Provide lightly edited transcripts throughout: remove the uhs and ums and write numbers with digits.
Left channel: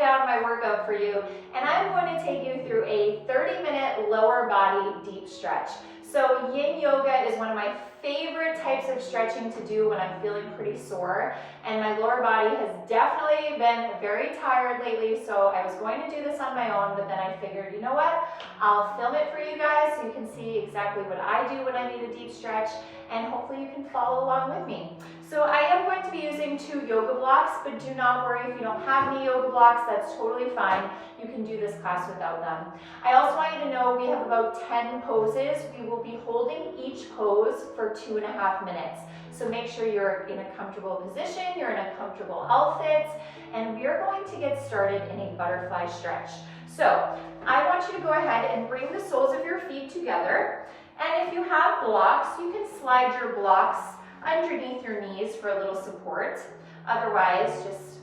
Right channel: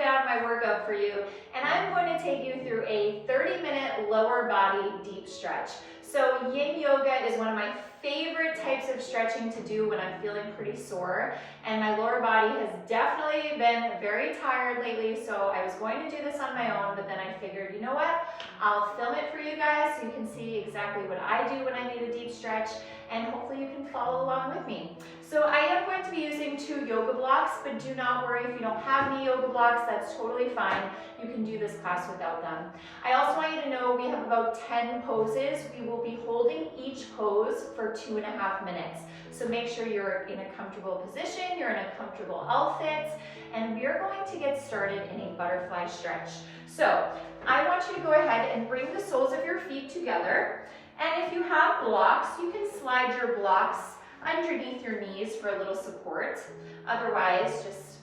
down my workout for you, and I'm going to take you through a 30-minute lower body deep stretch. So Yin Yoga is one of my favorite types of stretching to do when I'm feeling pretty sore, and my lower body has definitely been very tired lately, so I was going to do this on my own, but then I figured, you know what, I'll film it for you guys so you can see exactly what I do when I need a deep stretch, and hopefully you can follow along with me. So I am going to be using 2 yoga blocks, but do not worry if you don't have any yoga blocks, that's totally fine. You can do this class without them. I also want you to know we have about 10 poses. We will be holding each pose for 2.5 minutes. So make sure you're in a comfortable position, you're in a comfortable outfit, and we're going to get started in a butterfly stretch. So I want you to go ahead and bring the soles of your feet together. And if you have blocks, you can slide your blocks underneath your knees for a little support. Otherwise, just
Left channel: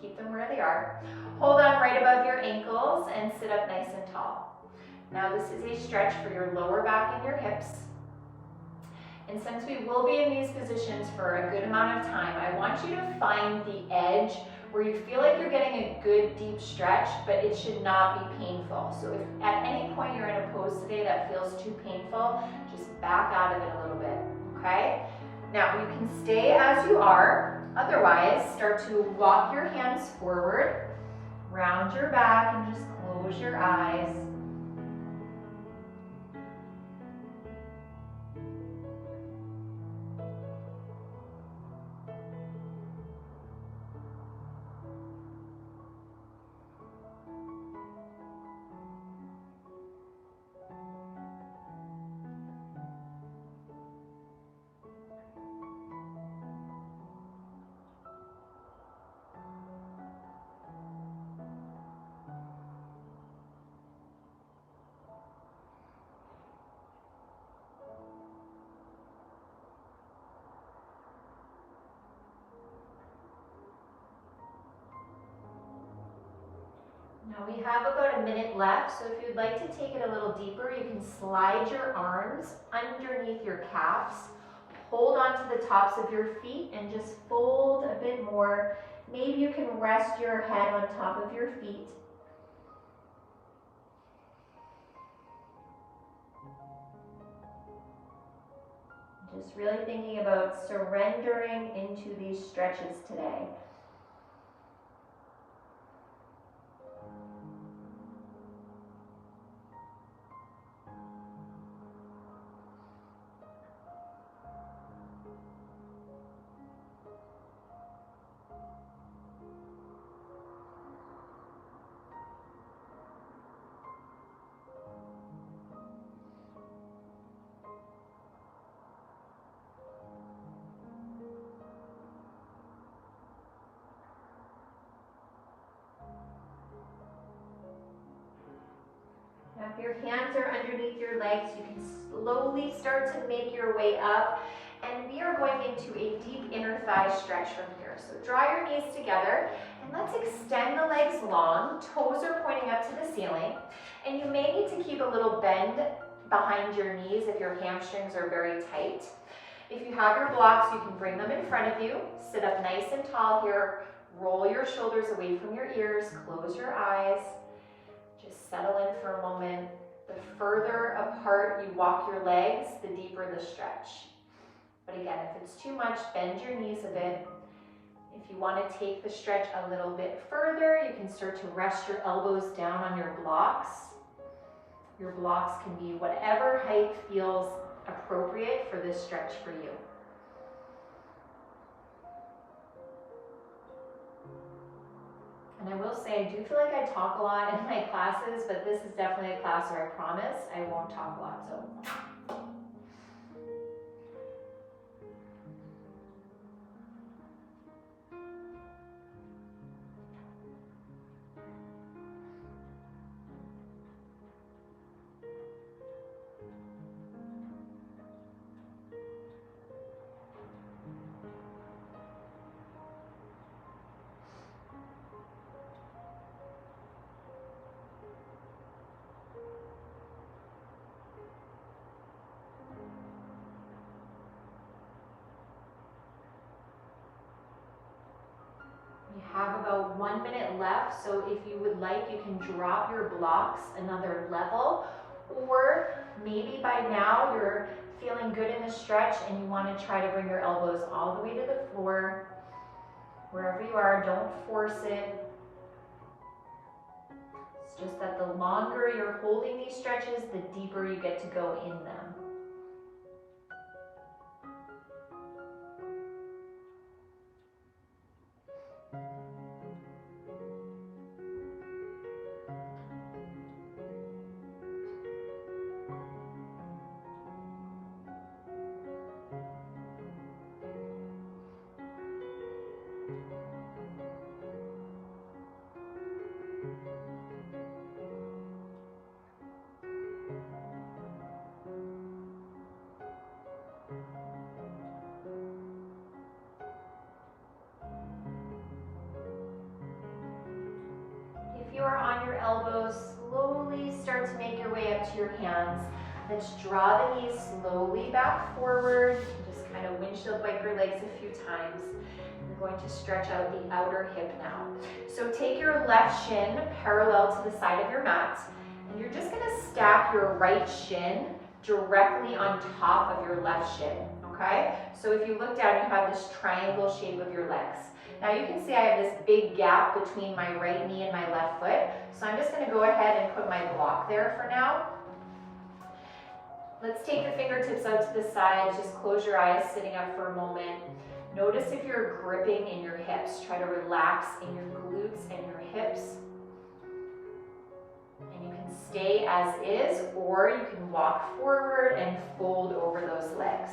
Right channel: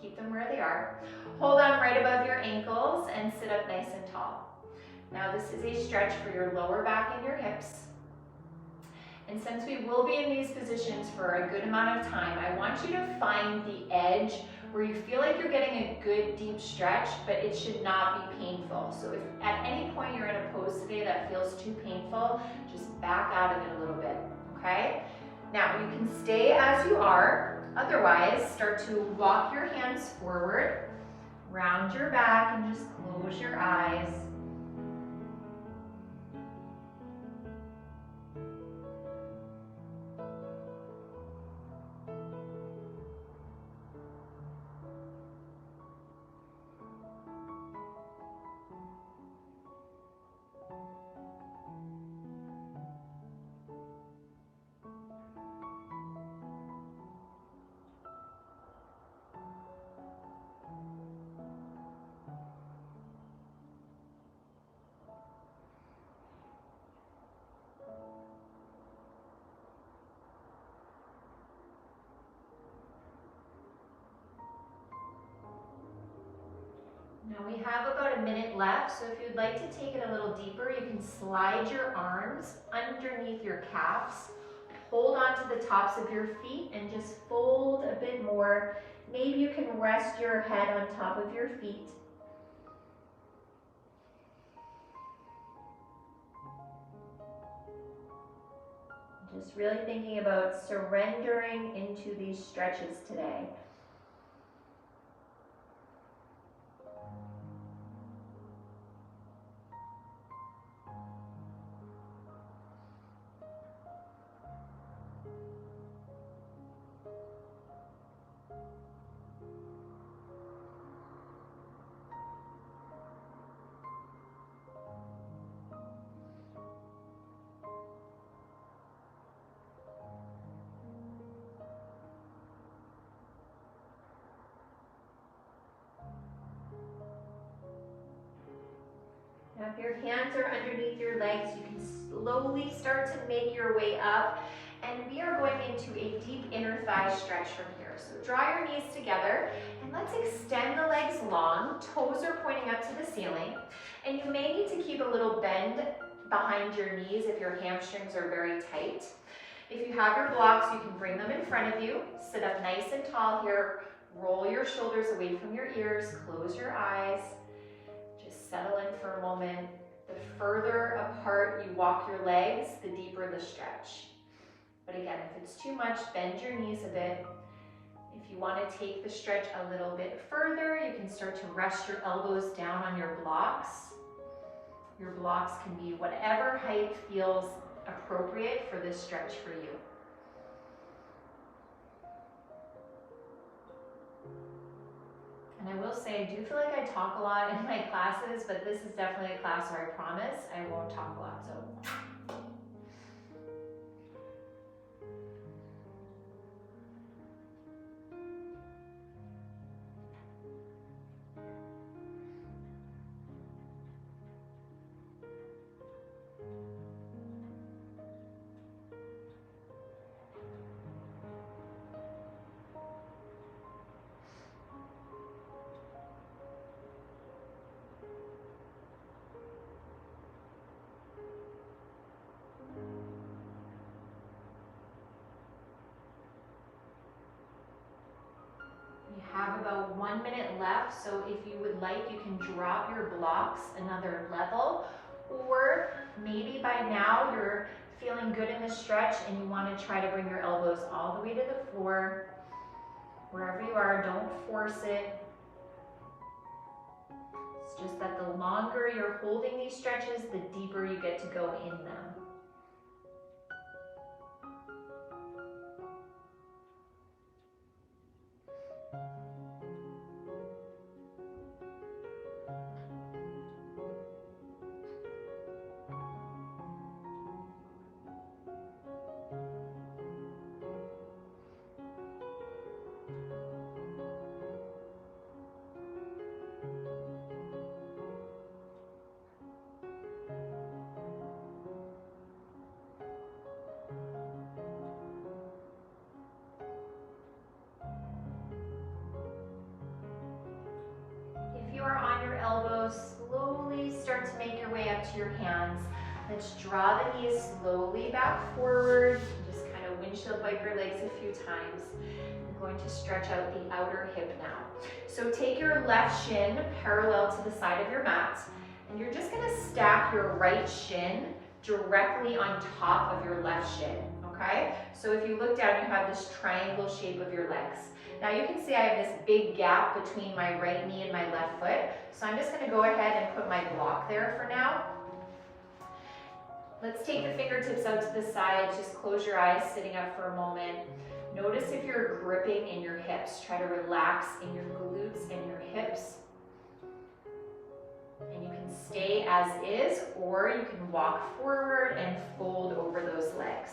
keep them where they are. Hold on right above your ankles and sit up nice and tall. Now this is a stretch for your lower back and your hips. And since we will be in these positions for a good amount of time, I want you to find the edge where you feel like you're getting a good deep stretch, but it should not be painful. So if at any point you're in a pose today that feels too painful, just back out of it a little bit, okay? Now you can stay as you are, otherwise start to walk your hands forward, round your back and just close your eyes. Now we have about a minute left, so if you'd like to take it a little deeper, you can slide your arms underneath your calves, hold onto the tops of your feet and just fold a bit more. Maybe you can rest your head on top of your feet. Just really thinking about surrendering into these stretches today. Now if your hands are underneath your legs, you can slowly start to make your way up, and we are going into a deep inner thigh stretch from here. So draw your knees together and let's extend the legs long, toes are pointing up to the ceiling, and you may need to keep a little bend behind your knees if your hamstrings are very tight. If you have your blocks, you can bring them in front of you, sit up nice and tall here, roll your shoulders away from your ears, close your eyes. Settle in for a moment. The further apart you walk your legs, the deeper the stretch. But again, if it's too much, bend your knees a bit. If you want to take the stretch a little bit further, you can start to rest your elbows down on your blocks. Your blocks can be whatever height feels appropriate for this stretch for you. And I will say, I do feel like I talk a lot in my classes, but this is definitely a class where I promise I won't talk a lot. So. You have about 1 minute left, so if you would like, you can drop your blocks another level, or maybe by now you're feeling good in the stretch and you want to try to bring your elbows all the way to the floor. Wherever you are, don't force it. It's just that the longer you're holding these stretches, the deeper you get to go in them. If you are on your elbows, slowly start to make your way up to your hands. Let's draw the knees slowly back forward. Just kind of windshield wipe your legs a few times. I'm going to stretch out the outer hip now. So take your left shin parallel to the side of your mat, and you're just going to stack your right shin directly on top of your left shin, okay? So if you look down, you have this triangle shape of your legs. Now you can see I have this big gap between my right knee and my left foot, so I'm just going to go ahead and put my block there for now. Let's take the fingertips out to the side, just close your eyes sitting up for a moment. Notice if you're gripping in your hips. Try to relax in your glutes and your hips. And you can stay as is, or you can walk forward and fold over those legs.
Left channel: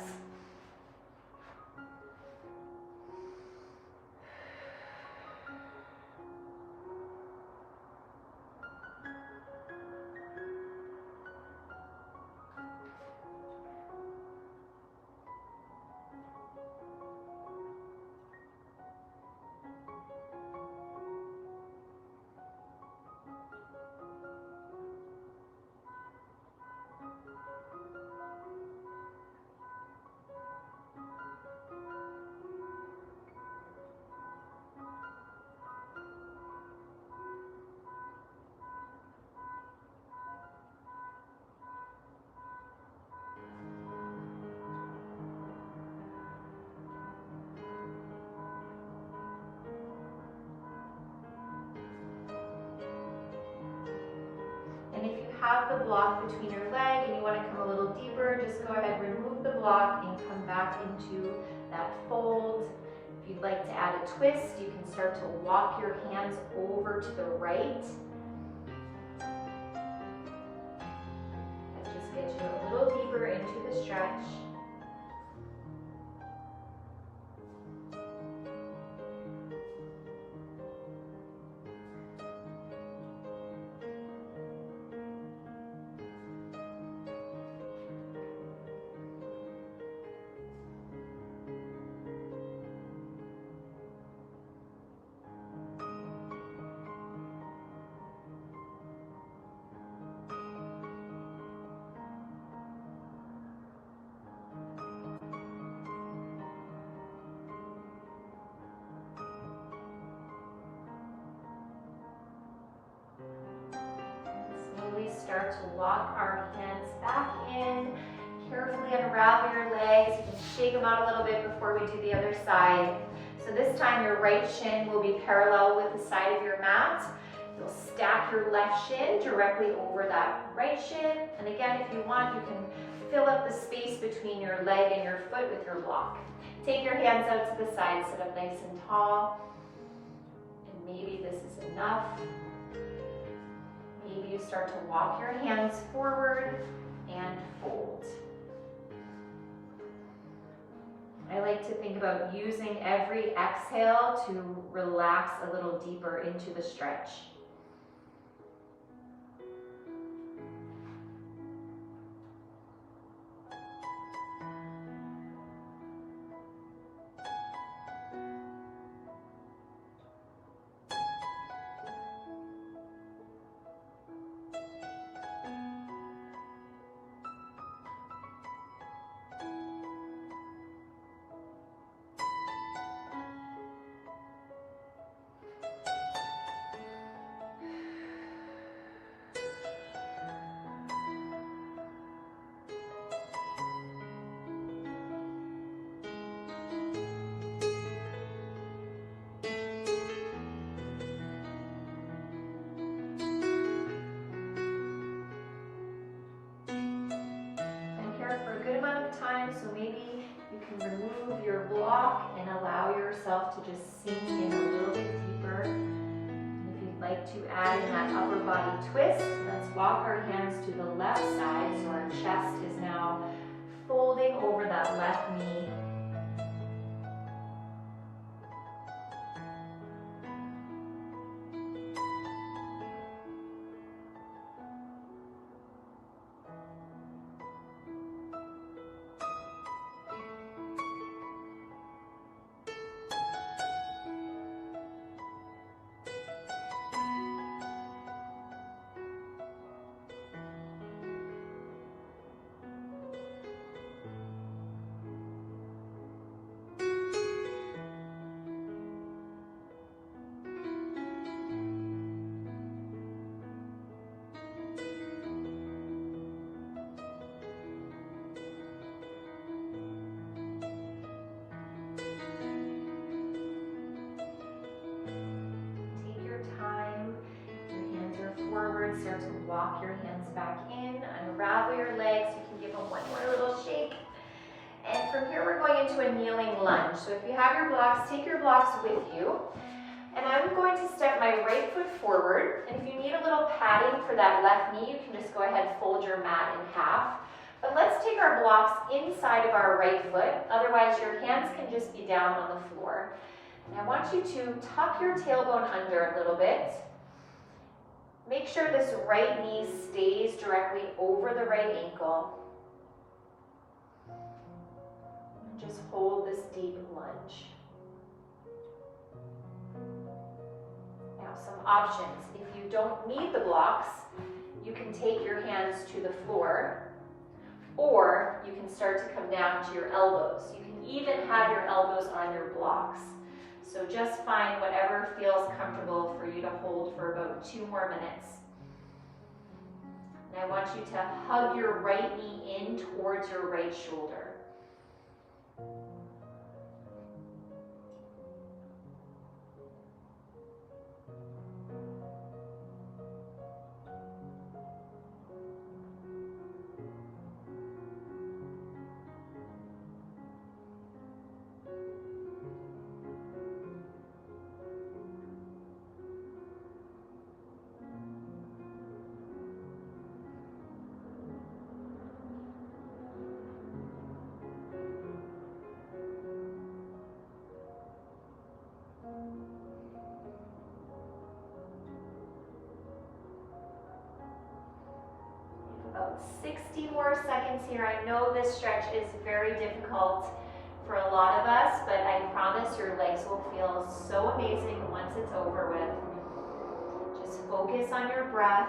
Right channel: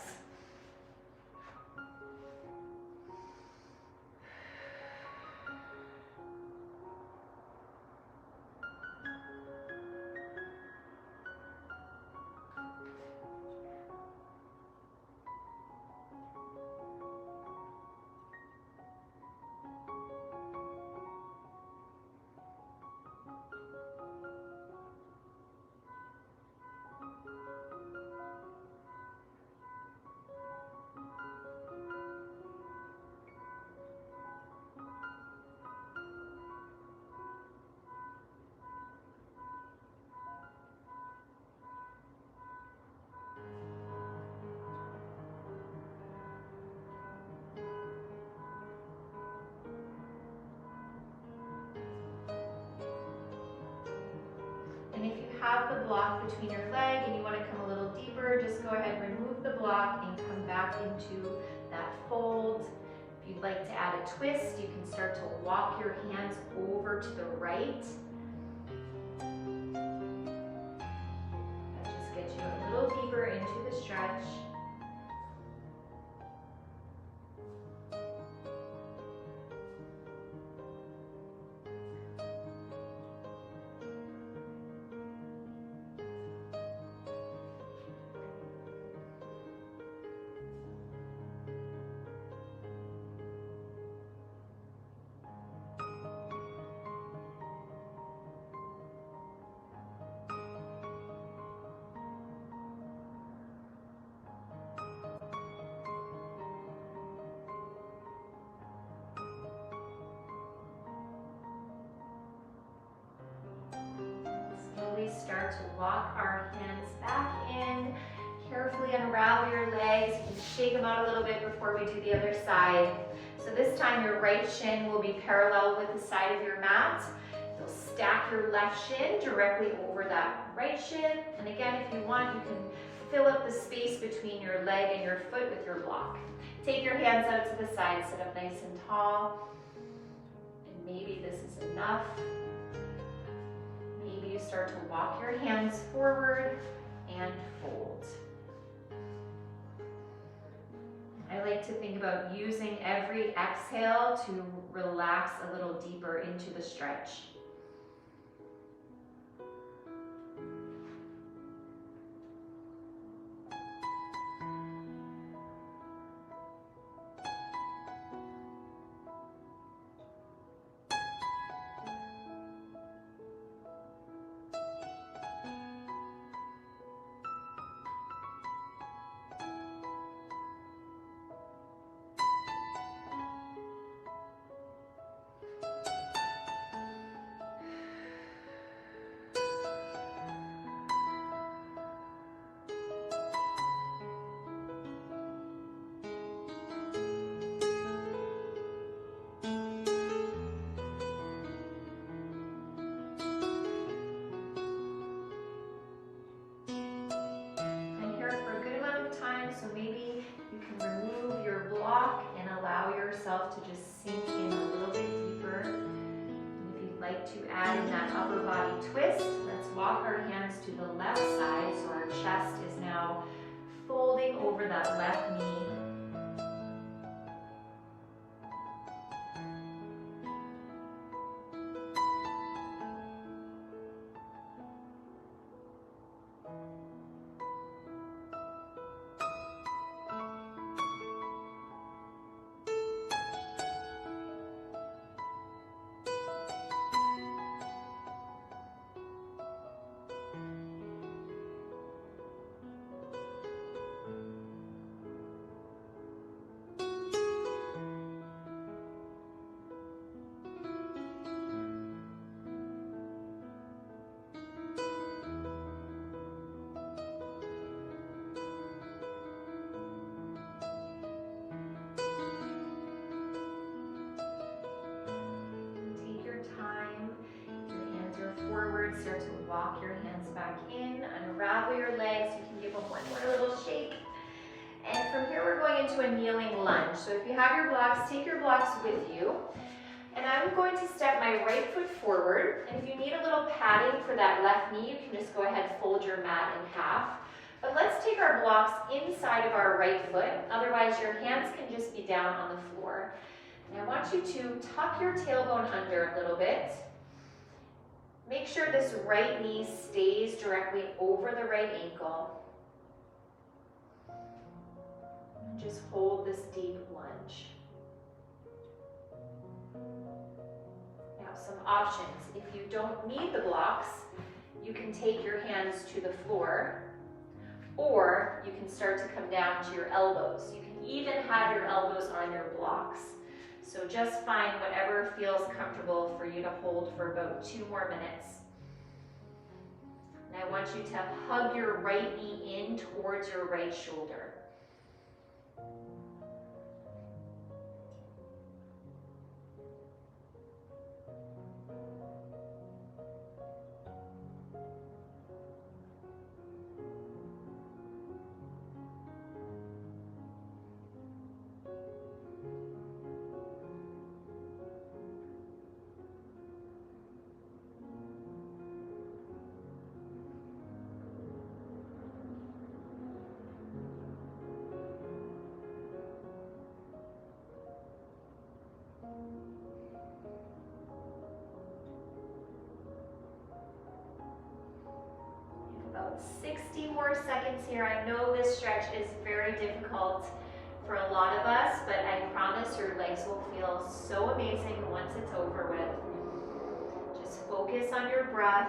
And if you have the block between your leg and you want to come a little deeper, just go ahead, remove the block and come back into that fold. If you'd like to add a twist, you can start to walk your hands over to the right. That just gets you a little deeper into the stretch. Slowly start to walk our hands back in. Carefully unravel your legs. You can shake them out a little bit before we do the other side. So this time your right shin will be parallel with the side of your mat. You'll stack your left shin directly over that right shin. And again, if you want, you can fill up the space between your leg and your foot with your block. Take your hands out to the side, sit up nice and tall. And maybe this is enough. Maybe you start to walk your hands forward and fold. I like to think about using every exhale to relax a little deeper into the stretch. can remove your block and allow yourself to just sink in a little bit deeper. And if you'd like to add in that upper body twist, let's walk our hands to the left side so our chest is now folding over that left knee. Forward, start to walk your hands back in, unravel your legs, you can give them one more little shake. And from here we're going into a kneeling lunge. So if you have your blocks, take your blocks with you. And I'm going to step my right foot forward, and if you need a little padding for that left knee, you can just go ahead and fold your mat in half. But let's take our blocks inside of our right foot, otherwise your hands can just be down on the floor. And I want you to tuck your tailbone under a little bit. Make sure this right knee stays directly over the right ankle. And just hold this deep lunge. Now some options. If you don't need the blocks, you can take your hands to the floor, or you can start to come down to your elbows. You can even have your elbows on your blocks. So just find whatever feels comfortable for you to hold for about 2 more minutes. And I want you to hug your right knee in towards your right shoulder. About 60 more seconds here. I know this stretch is very difficult for a lot of us, but I promise your legs will feel so amazing once it's over with. Just focus on your breath.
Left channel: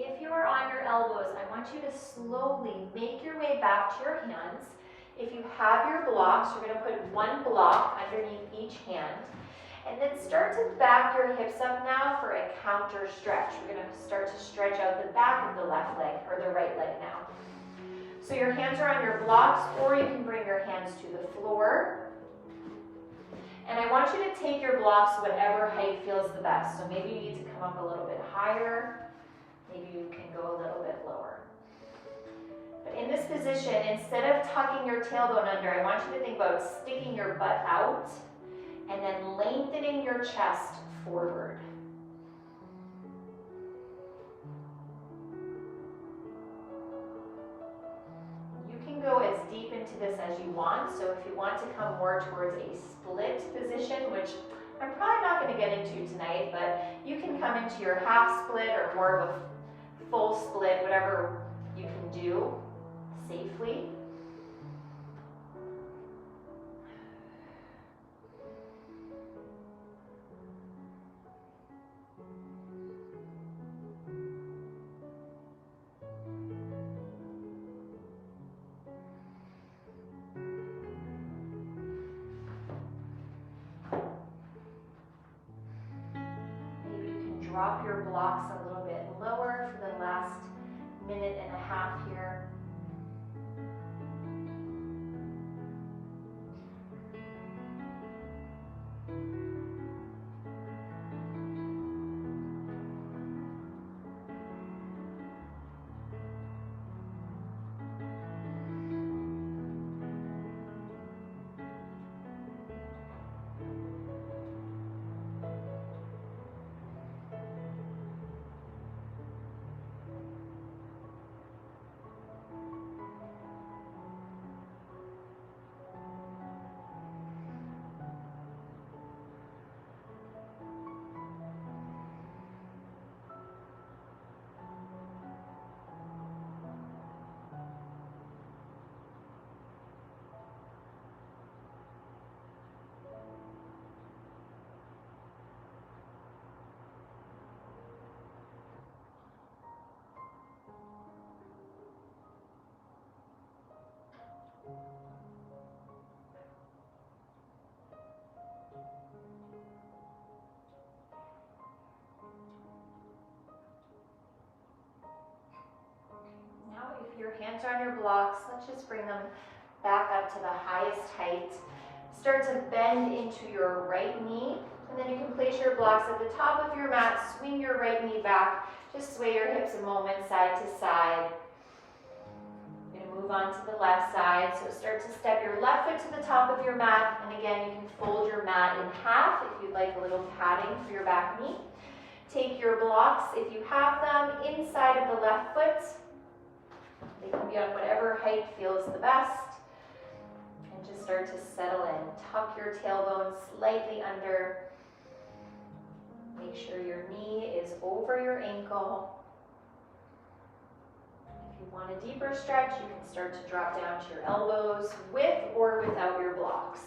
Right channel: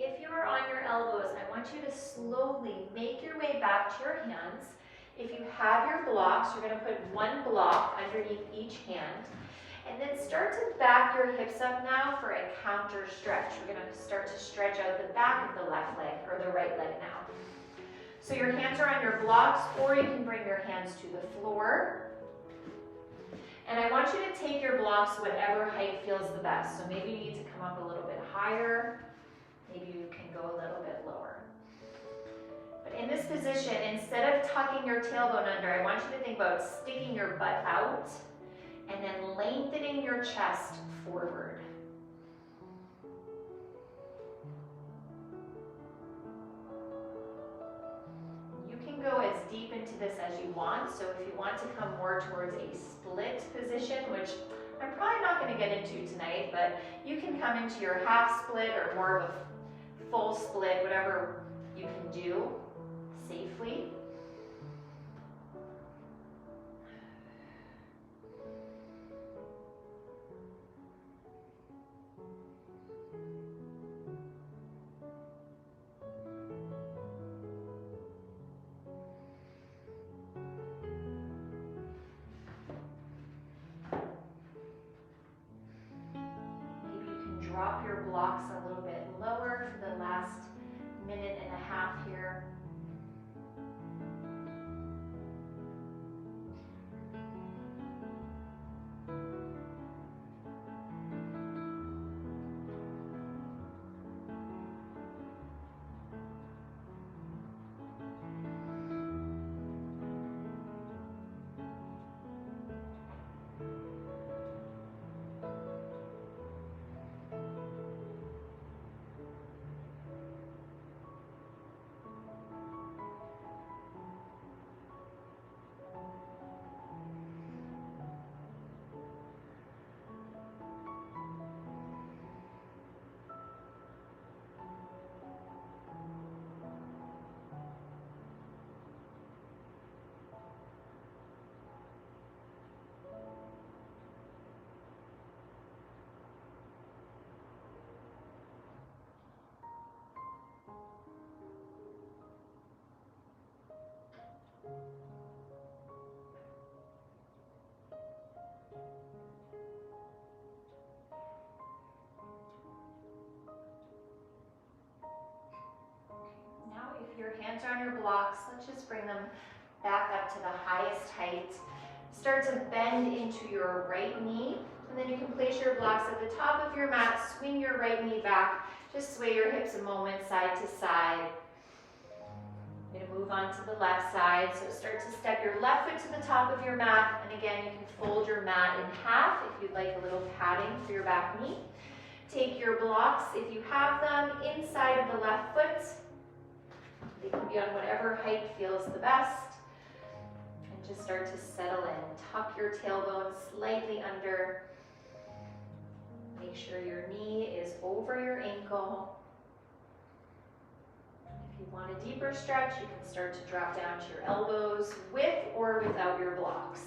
If you are on your elbows, I want you to slowly make your way back to your hands. If you have your blocks, you're going to put one block underneath each hand. And then start to back your hips up now for a counter stretch. We're going to start to stretch out the back of the left leg, or the right leg now. So your hands are on your blocks, or you can bring your hands to the floor. And I want you to take your blocks whatever height feels the best. So maybe you need to come up a little bit higher. Maybe you can go a little bit lower. But in this position, instead of tucking your tailbone under, I want you to think about sticking your butt out and then lengthening your chest forward. You can go as deep into this as you want. So if you want to come more towards a split position, which I'm probably not going to get into tonight, but you can come into your half split or more of a full split, whatever you can do safely. drop your blocks a little bit lower for the last minute and a half here. Now, if your hands are on your blocks, let's just bring them back up to the highest height. Start to bend into your right knee, and then you can place your blocks at the top of your mat, swing your right knee back, just sway your hips a moment side to side. You're going to move on to the left side, so start to step your left foot to the top of your mat, and again, you can fold your mat in half if you'd like a little padding for your back knee. Take your blocks, if you have them, inside of the left foot. They can be on whatever height feels the best. And just start to settle in. Tuck your tailbone slightly under. Make sure your knee is over your ankle. If you want a deeper stretch, you can start to drop down to your elbows with or without your blocks.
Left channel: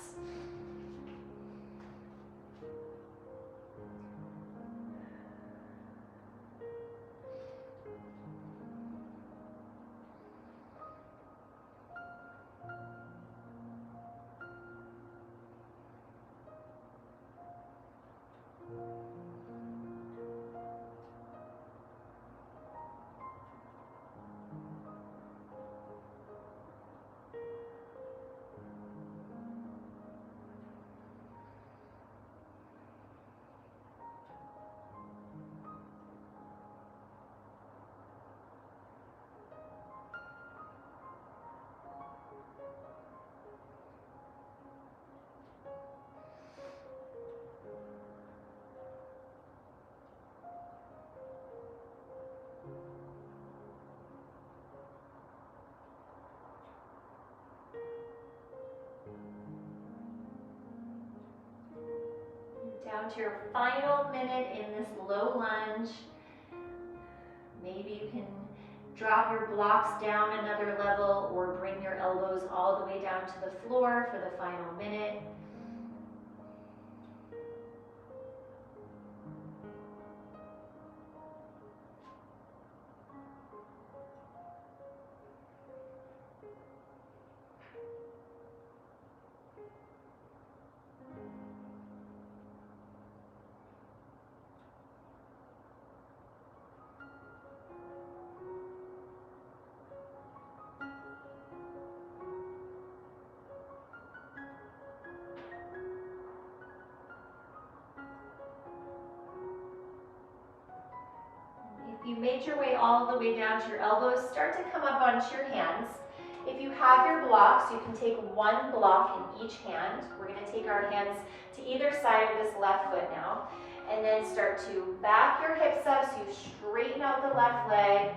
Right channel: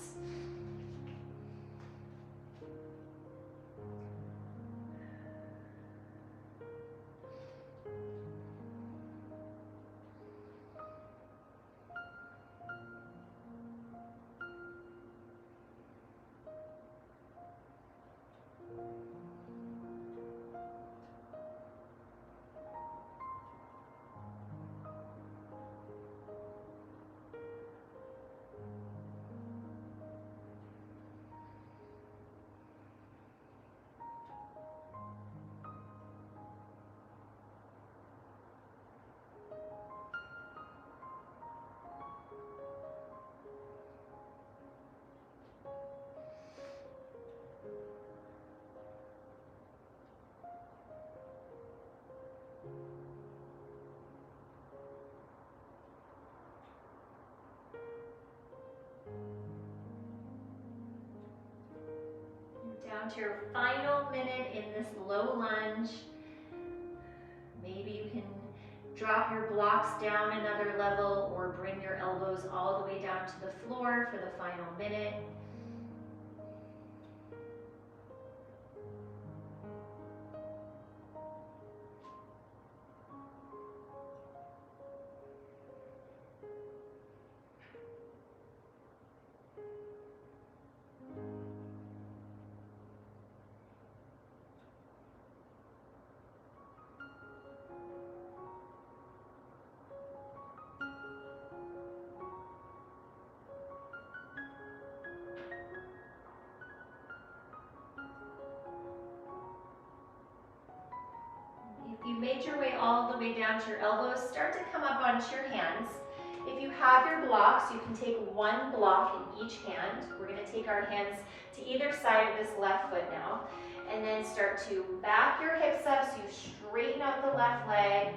Down to your final minute in this low lunge. Maybe you can drop your blocks down another level or bring your elbows all the way down to the floor for the final minute. If you made your way all the way down to your elbows, start to come up onto your hands. If you have your blocks, you can take one block in each hand. We're going to take our hands to either side of this left foot now. And then start to back your hips up so you straighten out the left leg.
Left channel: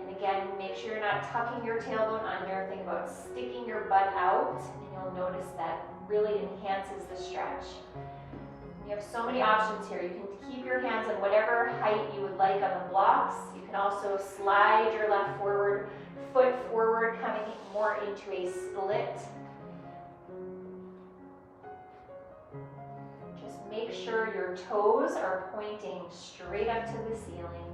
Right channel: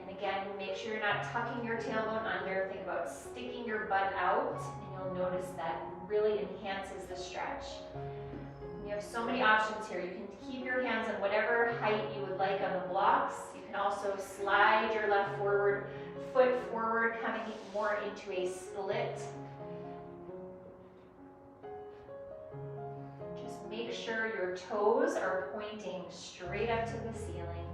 And again, make sure you're not tucking your tailbone under. Think about sticking your butt out, and you'll notice that really enhances the stretch. You have so many options here. You can keep your hands on whatever height you would like on the blocks. You can also slide your left foot forward, coming more into a split. Just make sure your toes are pointing straight up to the ceiling.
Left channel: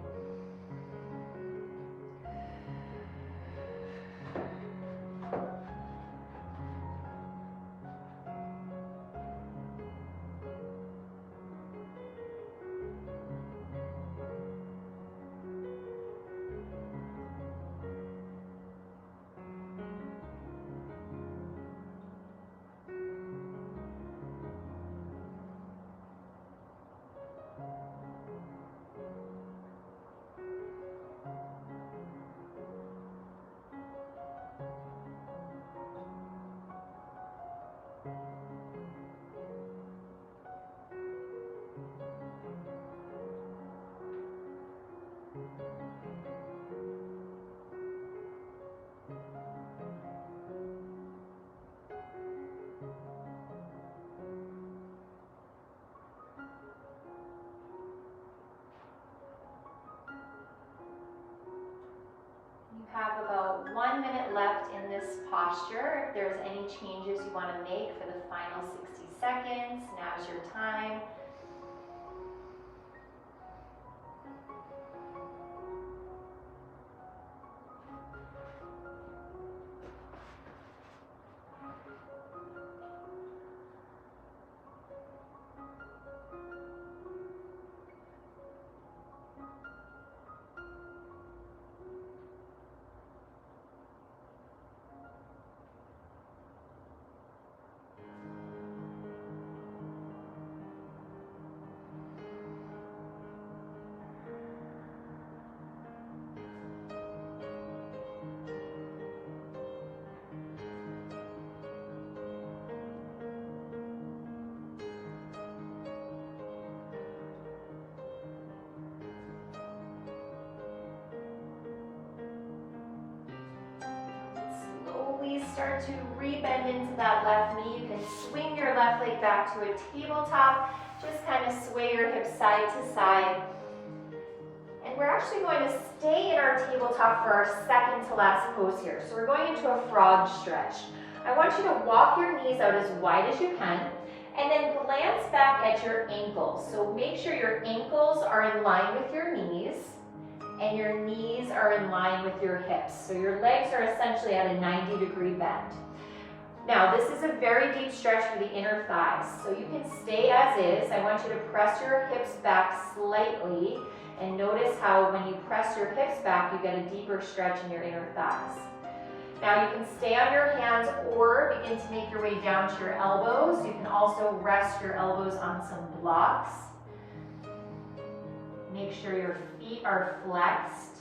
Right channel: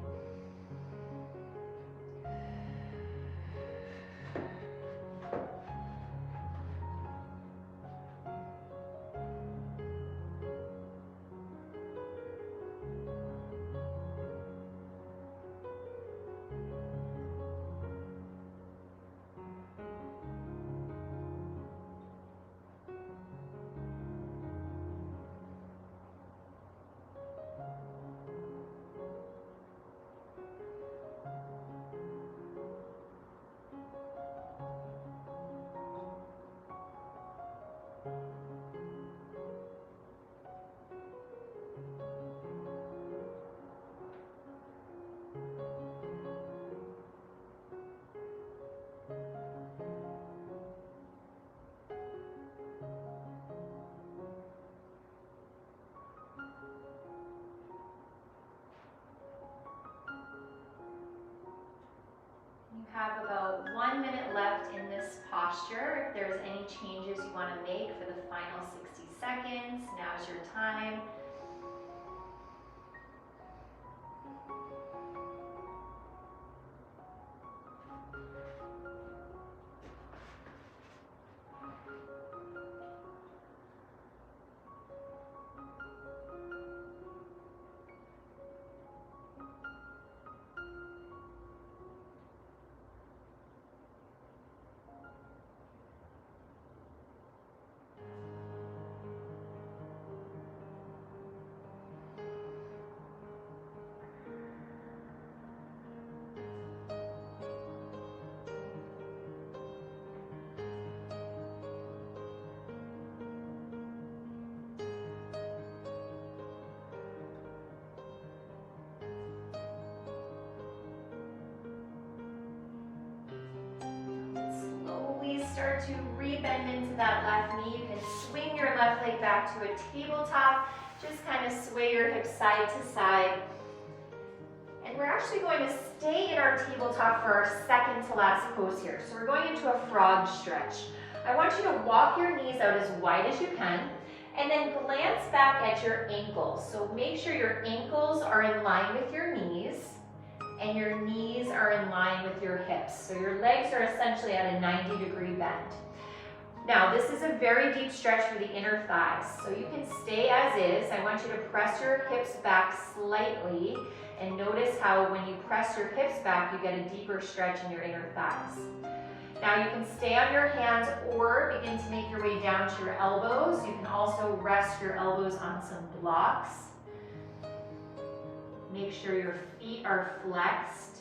Have about 1 minute left in this posture. If there's any changes you want to make for the final 60 seconds, now's your time. Start to rebend into that left knee. You can swing your left leg back to a tabletop. Just kind of sway your hips side to side. And we're actually going to stay in our tabletop for our second to last pose here. So we're going into a frog stretch. I want you to walk your knees out as wide as you can and then glance back at your ankles. So make sure your ankles are in line with your knees and your knees are in line with your hips. So your legs are essentially at a 90-degree bend. Now, this is a very deep stretch for the inner thighs. So you can stay as is. I want you to press your hips back slightly and notice how when you press your hips back, you get a deeper stretch in your inner thighs. Now you can stay on your hands or begin to make your way down to your elbows. You can also rest your elbows on some blocks. Make sure your feet are flexed.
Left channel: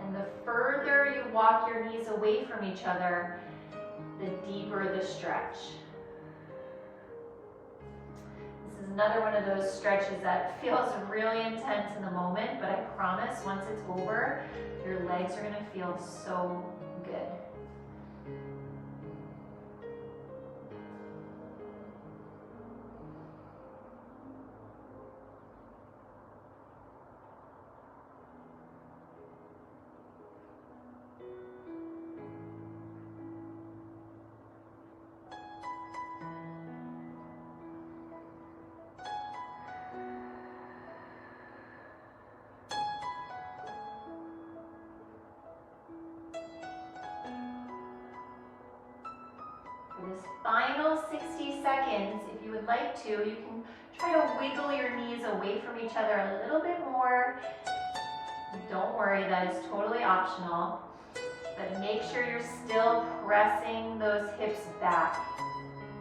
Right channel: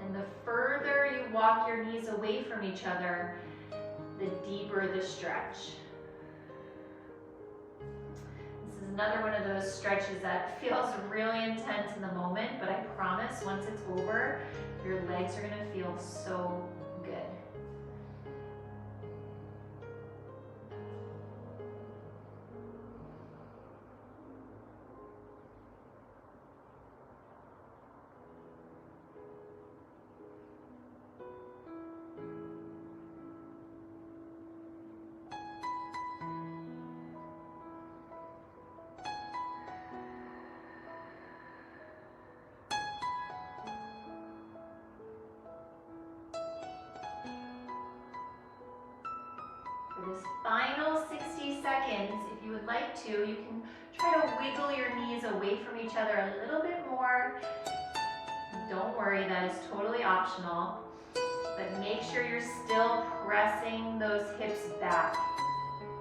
And the further you walk your knees away from each other, the deeper the stretch. This is another one of those stretches that feels really intense in the moment, but I promise once it's over, your legs are going to feel so good. For this final 60 seconds, if you would like to, you can try to wiggle your knees away from each other a little bit more. Don't worry, that is totally optional. But make sure you're still pressing those hips back,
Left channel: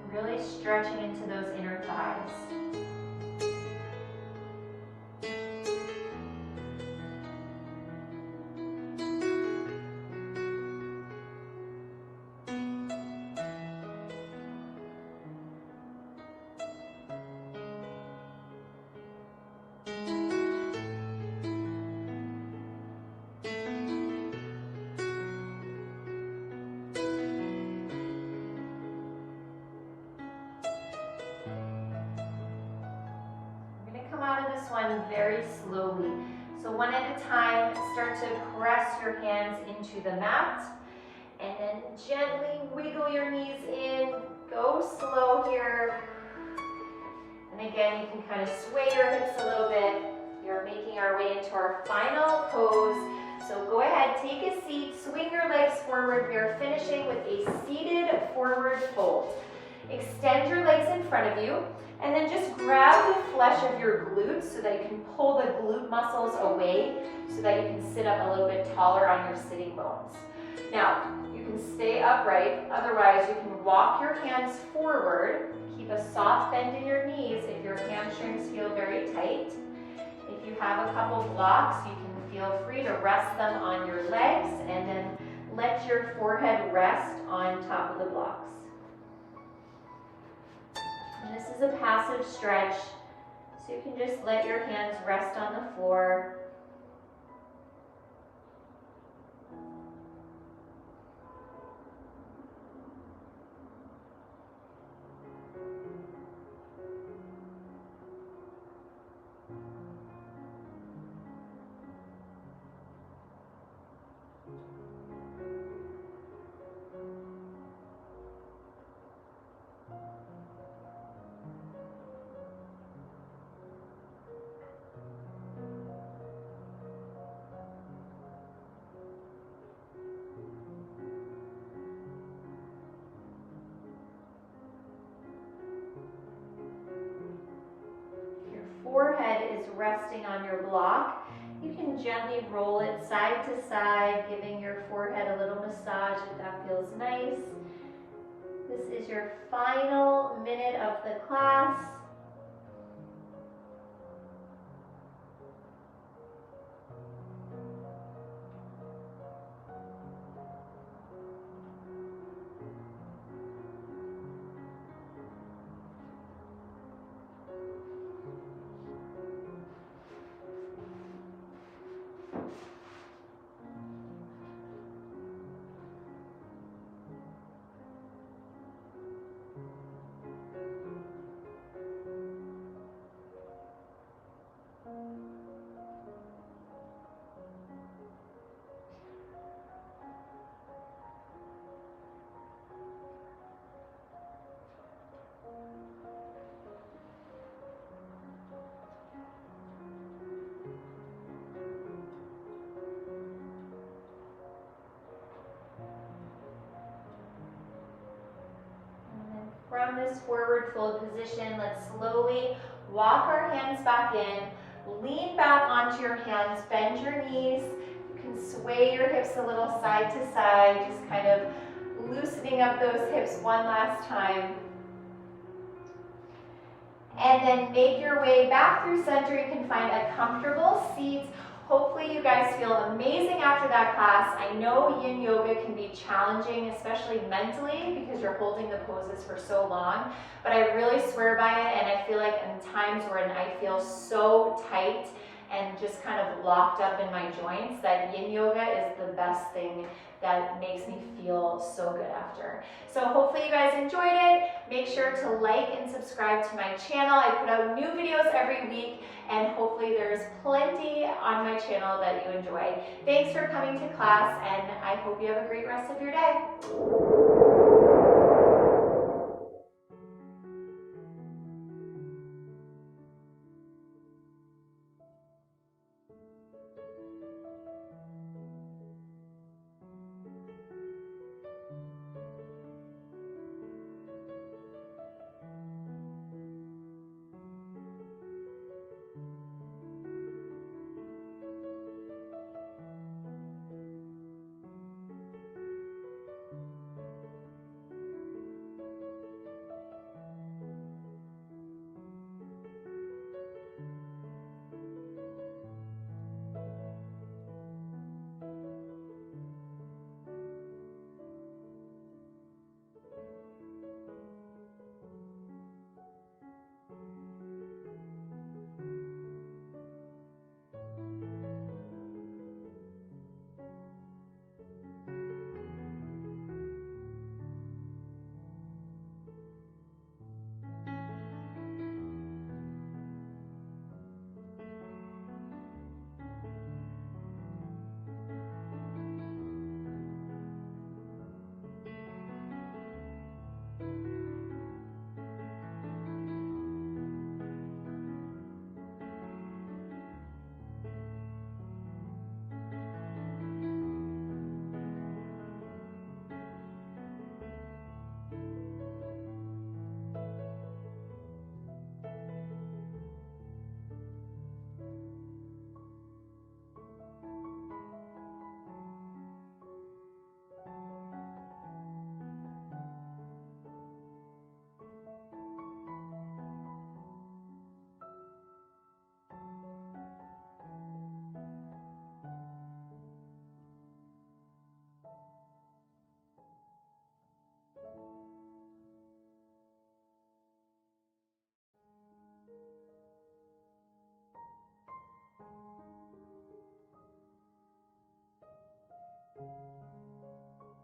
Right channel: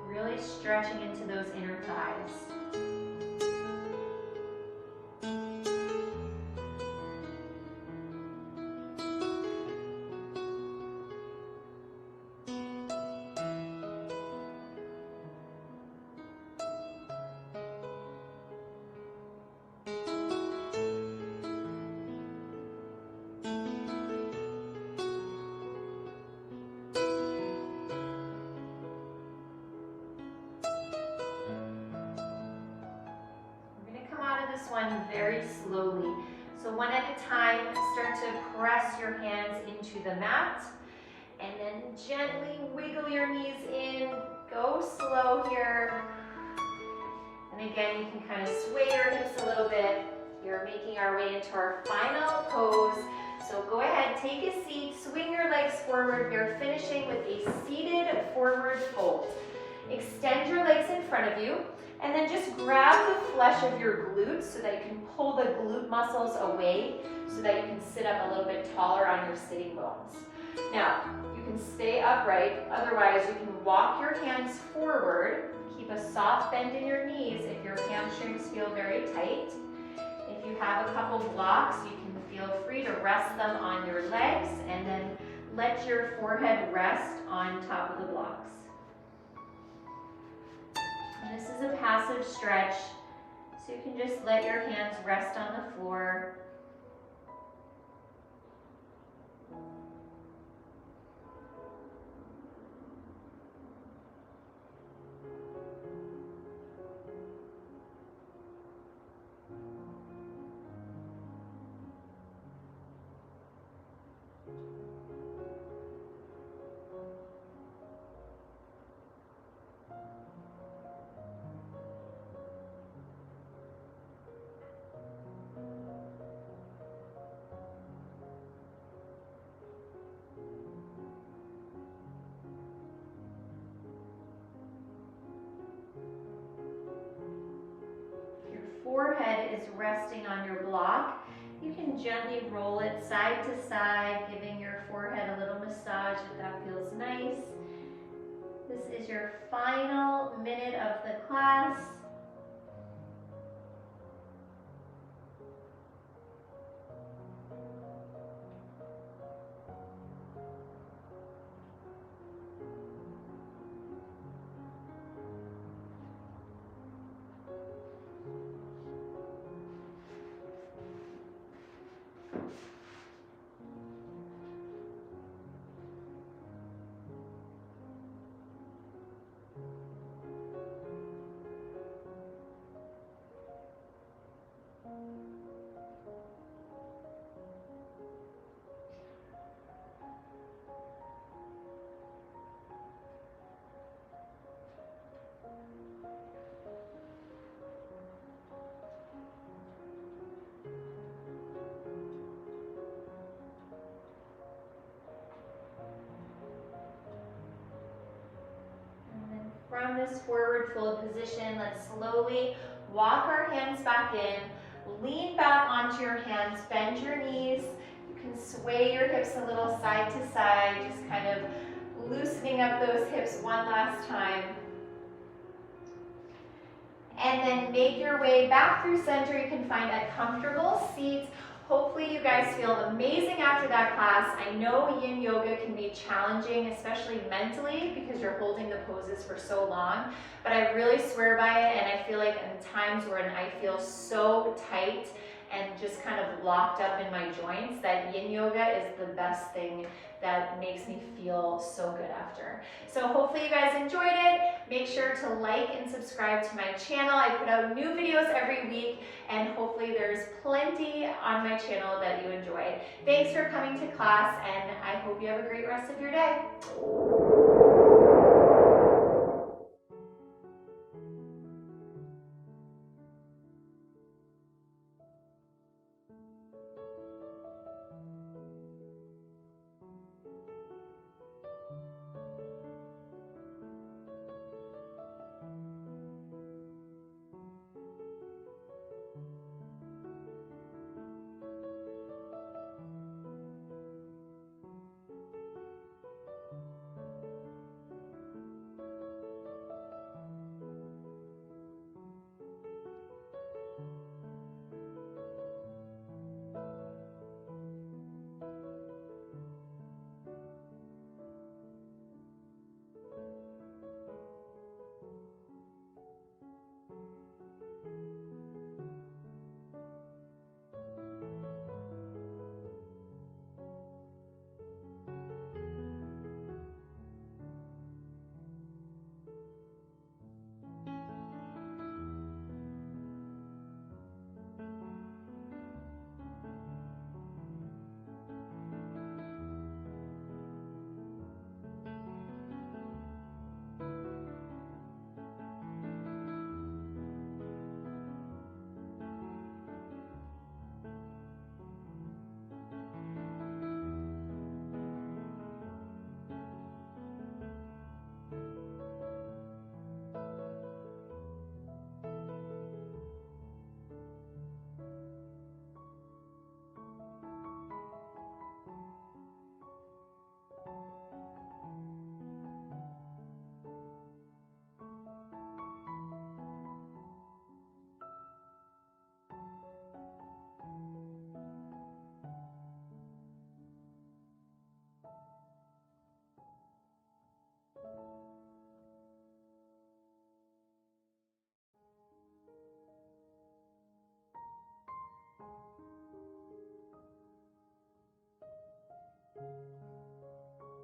really stretching into those inner thighs. Out of this one very slowly. So one at a time, start to press your hands into the mat and then gently wiggle your knees in. Go slow here. And again, you can kind of sway your hips a little bit. We're making our way into our final pose. So go ahead, take a seat, swing your legs forward. We are finishing with a seated forward fold. Extend your legs in front of you. And then just grab the flesh of your glutes so that you can pull the glute muscles away so that you can sit up a little bit taller on your sitting bones. Now, you can stay upright. Otherwise, you can walk your hands forward. Keep a soft bend in your knees if your hamstrings feel very tight. If you have a couple blocks, you can feel free to rest them on your legs and then let your forehead rest on top of the blocks. And this is a passive stretch, so you can just let your hands rest on the floor. resting on your block. You can gently roll it side to side, giving your forehead a little massage if that feels nice. This is your final minute of the class. From this forward fold position, let's slowly walk our hands back in, lean back onto your hands, bend your knees. You can sway your hips a little side to side, just kind of loosening up those hips one last time. And then make your way back through center. You can find a comfortable seat. Hopefully you guys feel amazing after that class. I know Yin Yoga can be challenging, especially mentally, because you're holding the poses for so long, but I really swear by it, and I feel like in times when I feel so tight and just kind of locked up in my joints, that Yin Yoga is the best thing that makes me feel so good after. So hopefully you guys enjoyed it. Make sure to like and subscribe to my channel. I put out new videos every week, and hopefully there's plenty on my channel that you enjoy. Thanks for coming to class, and I hope you have a great rest of your day.